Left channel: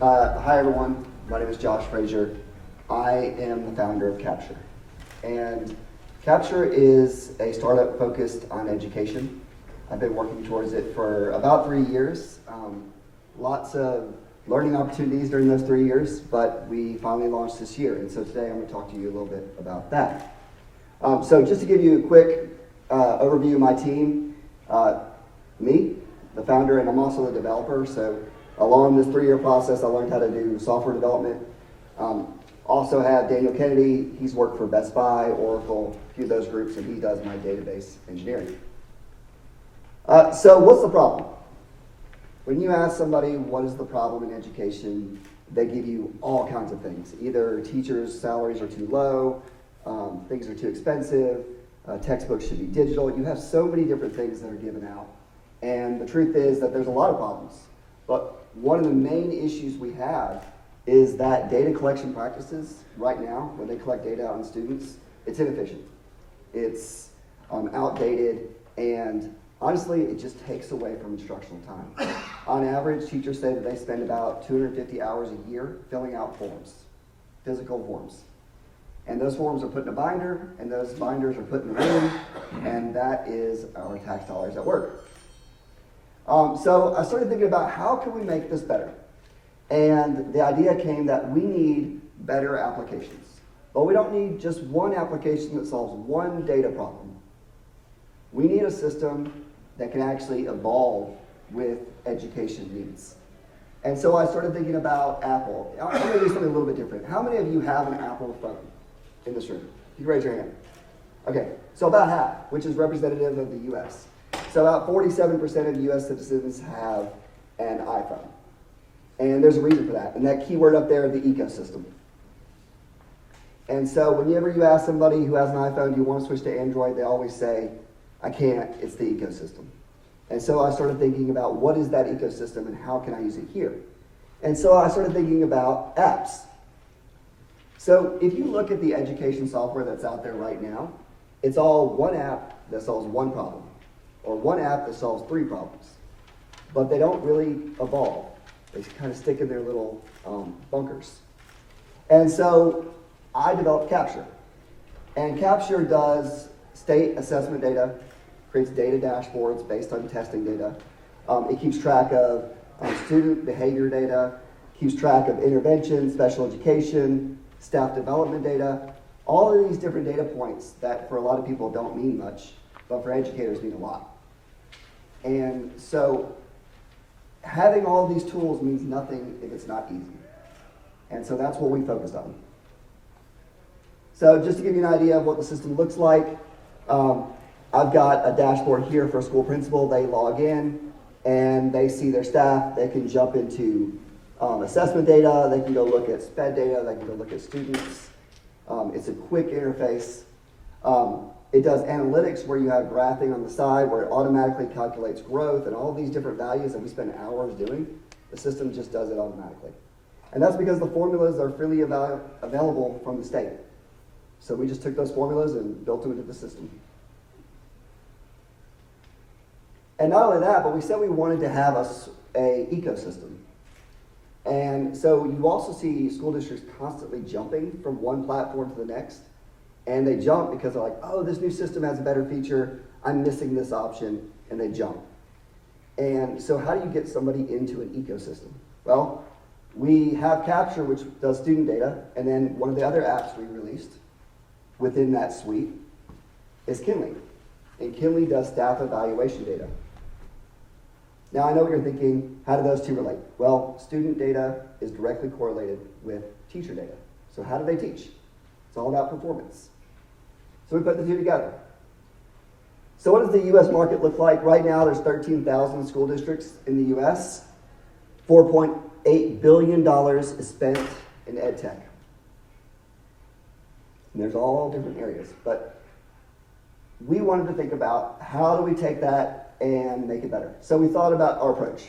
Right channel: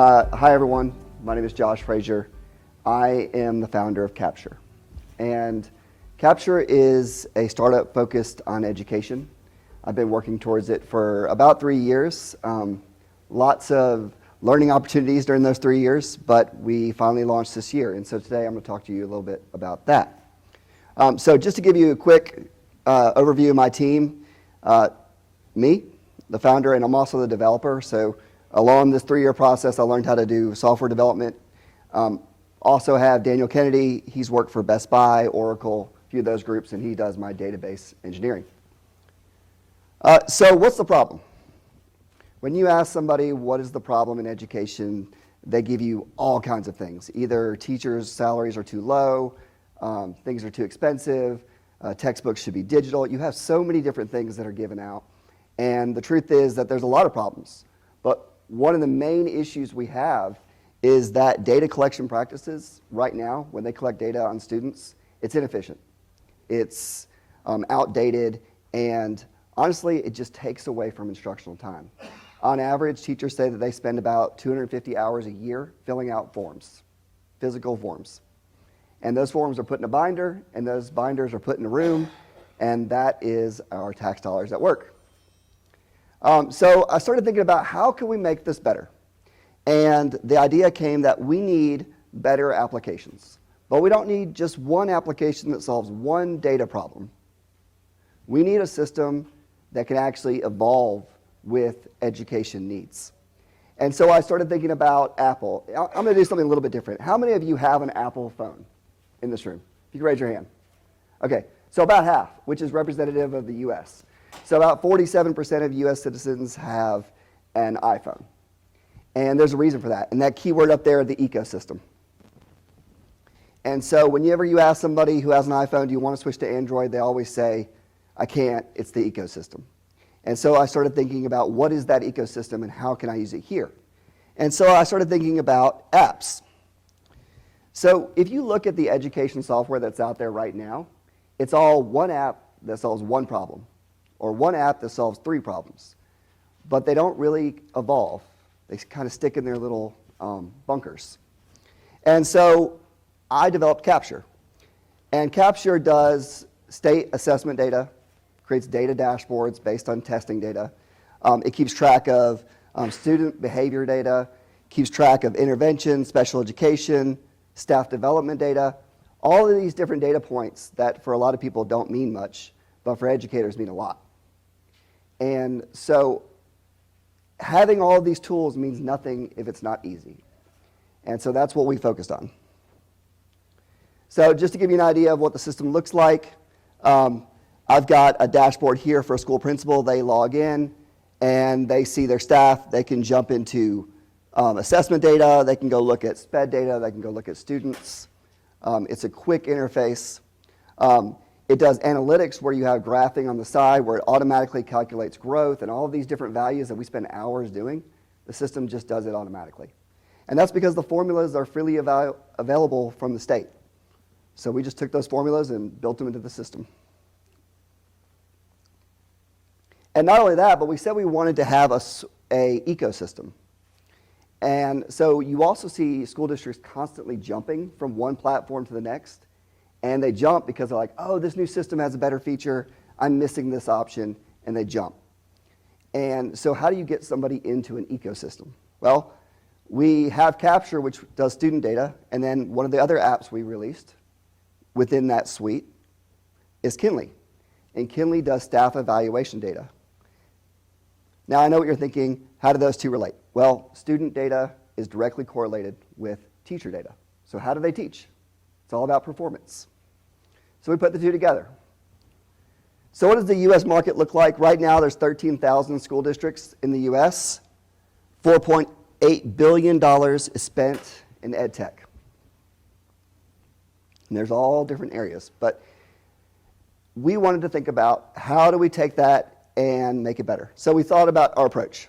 Hi everyone, my name is Josh Frazier. I am the founder of Capture. And Capture is a startup focused on education. I've been working towards it for about 3 years. Lots of learning opportunities during those 3 years, but we finally launched this year. And so today I'm going to talk to you a little bit about that. So just to give you a quick overview of my team, me, the founder, and I'm also the developer. So along this 3-year process, I learned how to do software development. Also have Daniel Kennedy. He's worked for Best Buy, Oracle, a few of those groups, and he does my database engineering. So what's the problem? When you ask somebody what is the problem in education, they give you all kinds of things. Either teachers' salaries are too low, things are too expensive, textbooks should be digital. You have so many different things that are given out. And the truth is that there's a lot of problems. But one of the main issues we have is that data collection practices right now, when they collect data on students, it's inefficient. It's outdated, and honestly, it just takes away from instructional time. On average, teachers say that they spend about 250 hours a year filling out forms, physical forms. And those forms are put in a binder, and those binders are put in a room, and that is our tax dollars at work. So I started thinking about how can we make this better? And the idea came that we need better applications. But we don't need just one application that solves one data problem. We need a system that can actually evolve with education needs. And so I started thinking about Apple. I'm going to do something a little bit different. How many of you have an Apple phone in this room? You can raise your hand. Okay, so about half, which is representative of the US. So about 47% of US citizens have an iPhone. And there's a reason for that. And that keyword up there, the ecosystem. And so whenever you ask somebody who has an iPhone, do you want to switch to Android, they always say, I can't, it's the ecosystem. And so I started thinking about what is that ecosystem and how can I use it here? And so I started thinking about apps. So if you look at the education software that's out there right now, it's all one app that solves one problem, or one app that solves 3 problems. But they don't really evolve. They kind of stick in their little bunkers. And so I developed Capture. And Capture does state assessment data, creates data dashboards based on testing data. It keeps track of student behavior data, keeps track of intervention, special education, staff development data, all of these different data points that for a lot of people don't mean much, but for educators mean a lot. And so having all of these tools means nothing if it's not easy. And so that's what we focused on. So just to give you an idea of what the system looks like, I've got a dashboard here for a school principal. They log in and they see their staff. They can jump into assessment data. They can go look at SPED data. They can go look at students. It's a quick interface. It does analytics where you have graphing on the side where it automatically calculates growth and all of these different values that we spend hours doing. The system just does it automatically. And that's because the formulas are freely available from the state. So we just took those formulas and built them into the system. And not only that, but we said we wanted to have a ecosystem. And so you also see school districts constantly jumping from one platform to the next. And they jump because they're like, oh, this new system has a better feature. I'm missing this option. And they jump. And so how do you get somebody into an ecosystem? Well, we have Capture, which does student data. And then one of the other apps we released within that suite is Kinley. And Kinley does staff evaluation data. Now, I know what you're thinking. How do those two relate? Well, student data is directly correlated with teacher data. So how do they teach? It's all about performance. So we put the two together. So what does the U.S. market look like? Right now, there's 13,000 school districts in the U.S. $4.8 billion is spent in ed tech. And there's all different areas. But we wanted to think about how do we take that and make it better. So we thought about our approach.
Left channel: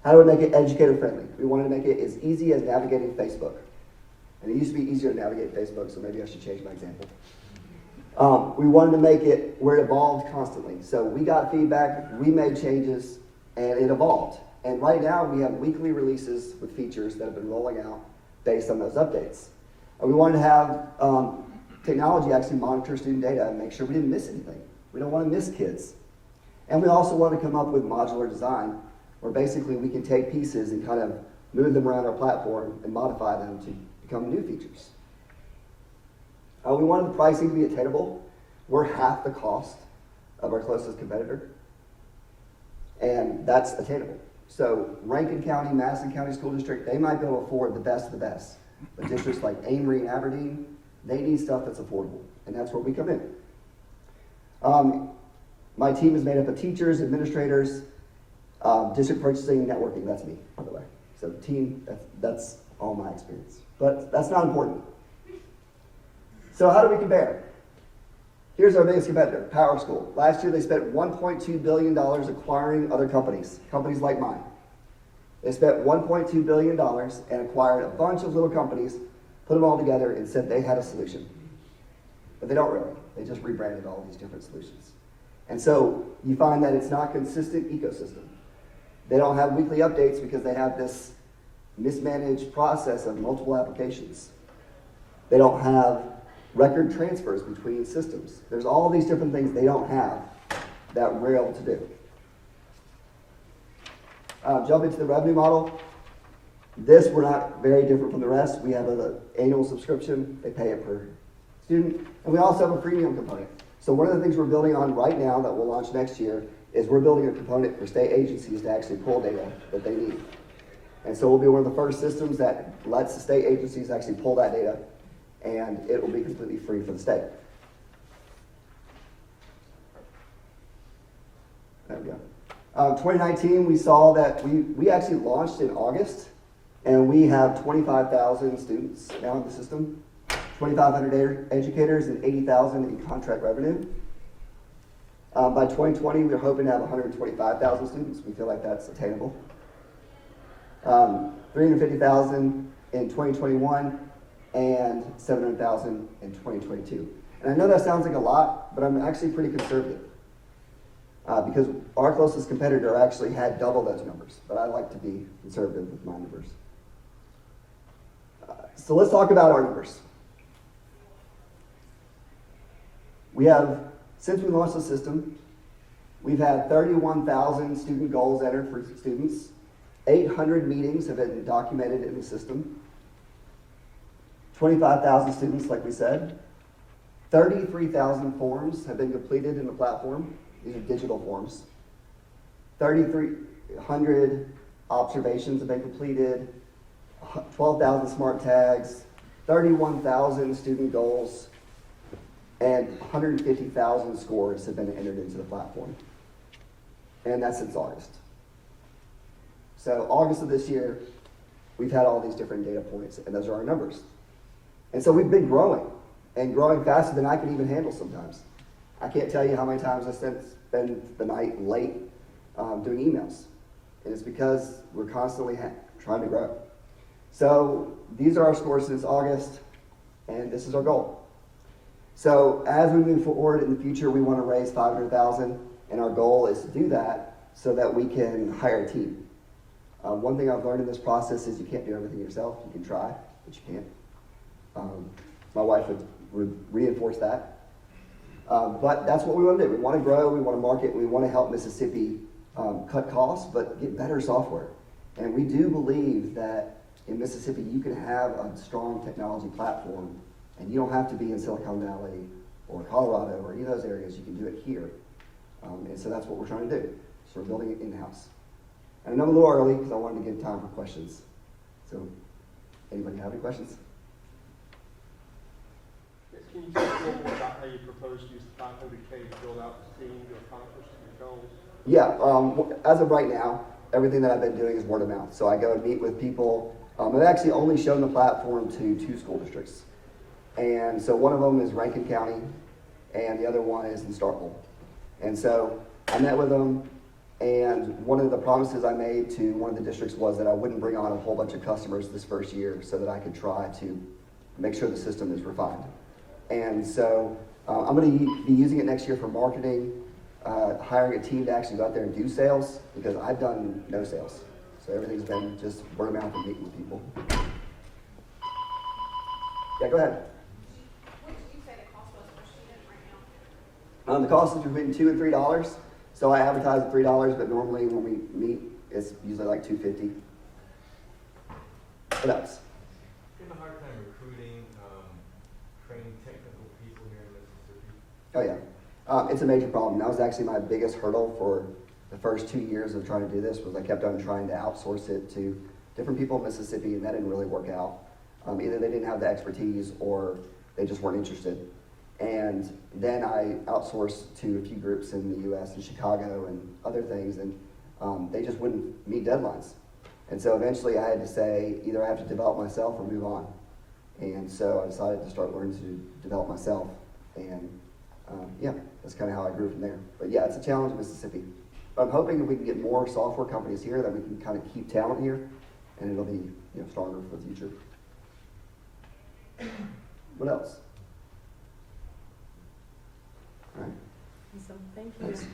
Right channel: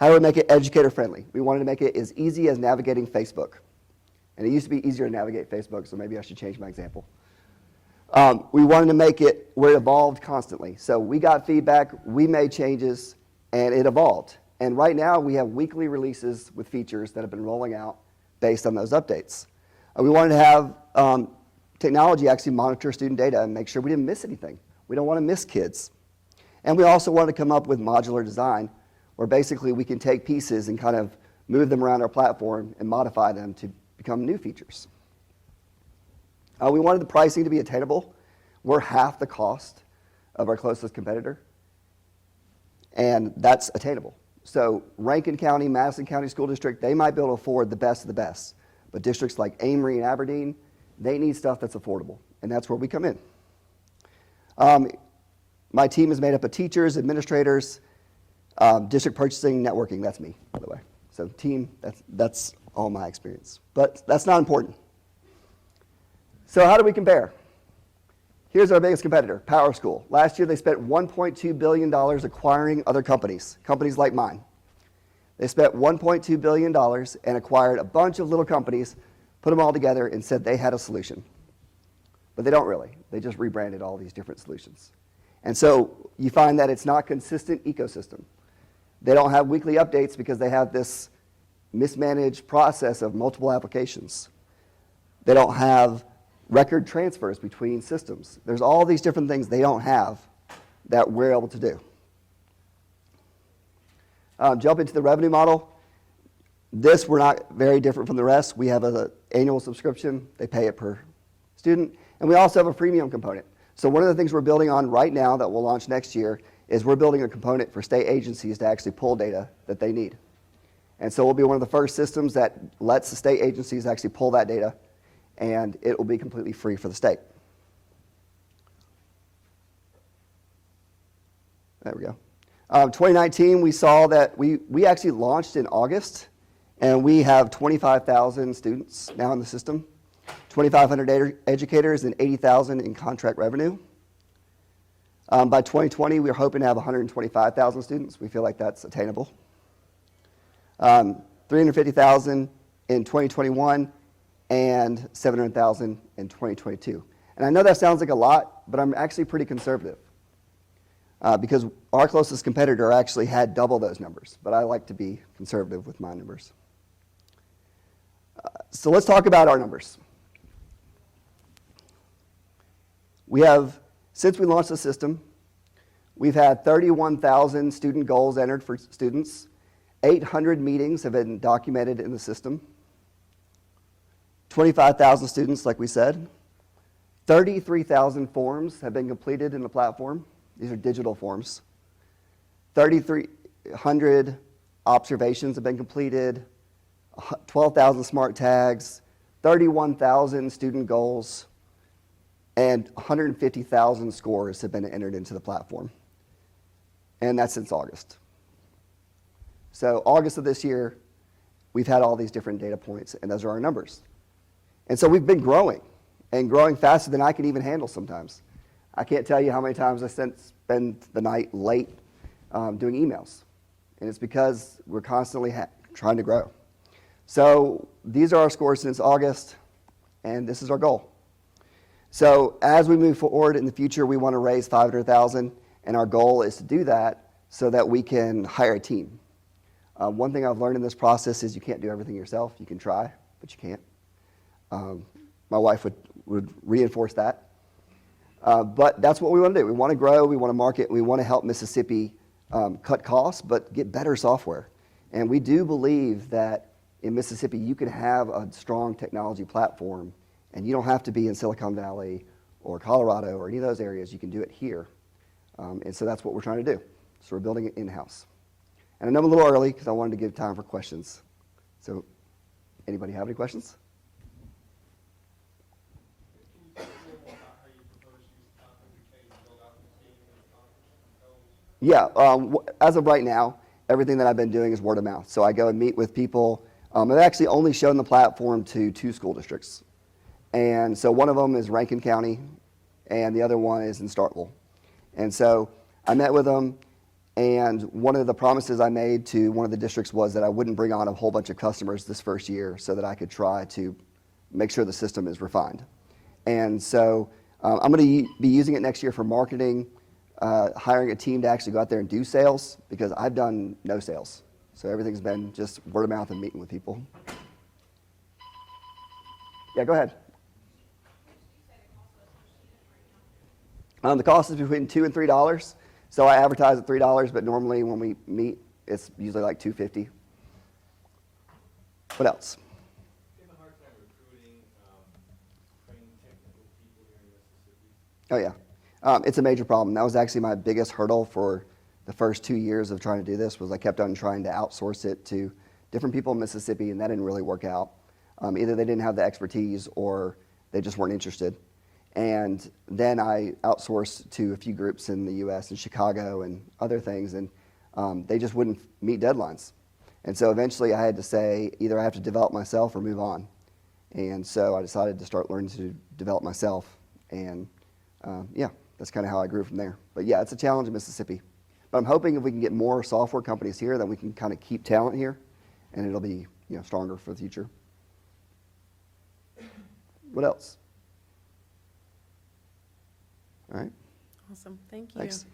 How do we make it educator friendly? We wanted to make it as easy as navigating Facebook. And it used to be easier to navigate Facebook, so maybe I should change my example. We wanted to make it where it evolved constantly. So we got feedback, we made changes, and it evolved. And right now we have weekly releases with features that have been rolling out based on those updates. We wanted to have technology actually monitor student data and make sure we didn't miss anything. We don't want to miss kids. And we also want to come up with modular design where basically we can take pieces and kind of move them around our platform and modify them to become new features. We wanted the pricing to be attainable. We're half the cost of our closest competitor, and that's attainable. So Rankin County, Madison County School District, they might be able to afford the best of the best. But districts like Amory and Aberdeen, they need stuff that's affordable, and that's where we come in. My team is made up of teachers, administrators, district purchasing, networking. That's me, by the way. So team, that's all my experience. But that's not important. So how do we compare? Here's our biggest competitor, PowerSchool. Last year they spent $1.2 billion acquiring other companies like mine. They spent $1.2 billion and acquired a bunch of little companies, put them all together and said they had a solution. But they don't really. They just rebranded all these different solutions. And so you find that it's not a consistent ecosystem. They don't have weekly updates because they have this mismanaged process of multiple applications. They don't have record transfers between systems. There's all these different things they don't have that we're able to do. Jump into the revenue model. We're not very different from the rest. We have an annual subscription. They pay it per student. And we also have a premium component. So one of the things we're building on right now that we'll launch next year is we're building a component for state agencies to actually pull data that they need. And so we'll be one of the first systems that lets the state agencies actually pull that data, and it will be completely free for the state. There we go. 2019, we saw that we actually launched in August, and we have 25,000 students now in the system, 2,500 educators, and 80,000 in contract revenue. By 2020, we're hoping to have 125,000 students. We feel like that's attainable. 350,000 in 2021, and 700,000 in 2022. And I know that sounds like a lot, but I'm actually pretty conservative. Because our closest competitor actually had double those numbers, but I like to be conservative with my numbers. So let's talk about our numbers. We have, since we launched the system, we've had 31,000 student goals entered for students. 800 meetings have been documented in the system. 25,000 students, like we said. 33,000 forms have been completed in the platform. These are digital forms. 3,300 observations have been completed. 12,000 smart tags. 31,000 student goals. And 150,000 scores have been entered into the platform. And that's since August. So August of this year, we've had all these different data points, and those are our numbers. And so we've been growing, and growing faster than I can even handle sometimes. I can't tell you how many times I spend the night late doing emails. And it's because we're constantly trying to grow. So these are our scores since August, and this is our goal. So as we move forward in the future, we want to raise 500,000, and our goal is to do that so that we can hire a team. One thing I've learned in this process is you can't do everything yourself. You can try, but you can't. My wife would reinforce that. But that's what we want to do. We want to grow, we want to market, we want to help Mississippi cut costs, but get better software. And we do believe that in Mississippi you can have a strong technology platform, and you don't have to be in Silicon Valley or Colorado or any of those areas. You can do it here. And so that's what we're trying to do. So we're building it in-house. And I know I'm a little early because I wanted to give time for questions. So anybody have any questions? Can you talk a little more about how you propose to use the 500K to build out the team to accomplish your goals? Yeah, as of right now, everything that I've been doing is word of mouth. So I go and meet with people. I've actually only shown the platform to 2 school districts. And so one of them is Rankin County, and the other one is in Starkville. And so I met with them, and one of the promises I made to one of the districts was that I wouldn't bring on a whole bunch of customers this first year so that I could try to make sure the system is refined. And so I'm going to be using it next year for marketing, hiring a team to actually go out there and do sales, because I've done no sales. So everything's been just word of mouth and meeting with people. Yeah, go ahead. What did you say the cost was per student right now? The cost is between $2 and $3. So I advertise at $3, but normally when we meet, it's usually like $2.50. What else? You have a hard time recruiting, training technical people here in Mississippi? Oh yeah, it's a major problem. That was actually my biggest hurdle for the first 2 years of trying to do this. Was I kept on trying to outsource it to different people in Mississippi, and that didn't really work out. Either they didn't have the expertise or they just weren't interested. And then I outsourced to a few groups in the U.S. and Chicago and other things, and they just wouldn't meet deadlines. And so eventually I had to say, either I have to develop myself or move on. And so I decided to start learning to develop myself. And yeah, that's kind of how I grew from there. But yeah, it's a challenge in Mississippi. But I'm hoping if we can get more software companies here, that we can kind of keep talent here, and it'll be, you know, stronger for the future. What else? All right. Awesome, thank you. Thanks.